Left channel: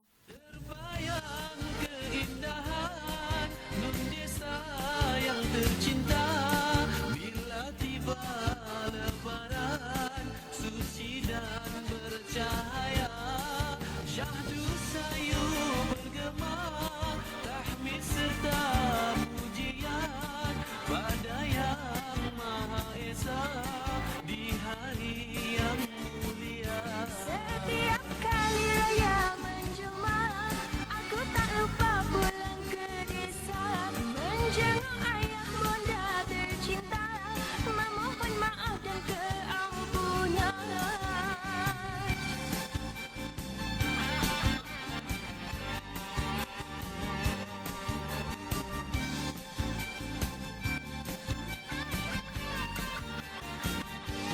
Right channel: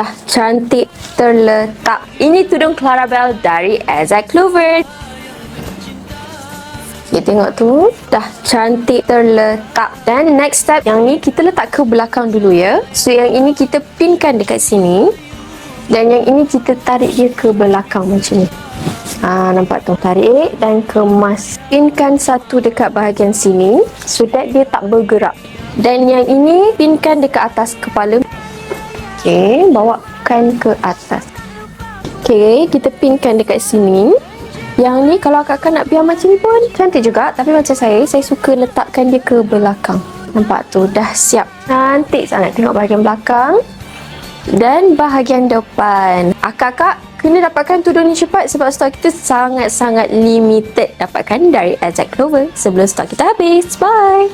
dah cantik terletak. Ini tudung Clarabelle dari Exact Clover. Okay, tengok tu, dah cantik terletak. Dan next step, yang ni kita letak ke belakang dulu ya. So yang ini kita pinkan dekat sini, dan yang ini kita tarik dia ke belakang macam ni. Nampak tu, tarik dan kemas. Pinkan satu dekat bahagian sini so that dia tak bergerak. Dan yang ini pinkan dekat atas kepala. Okay, bawakan ke atas. Okay, kita pinkan dekat sini. Yang ni kalau akak-akak nak biar macam ni pun cantik juga. Tapi macam saya suka letakkan dia ke belakang. Nampak tu, dah siap. Cantik sangat. Tengok bahagian belakang dan bahagian depan. Akak-akak kena dapatkan tudung ni cepat sebab stok kita sangat-sangat limited. Dapatkan dari Exact Clover sebelum stok kita habis. Bye!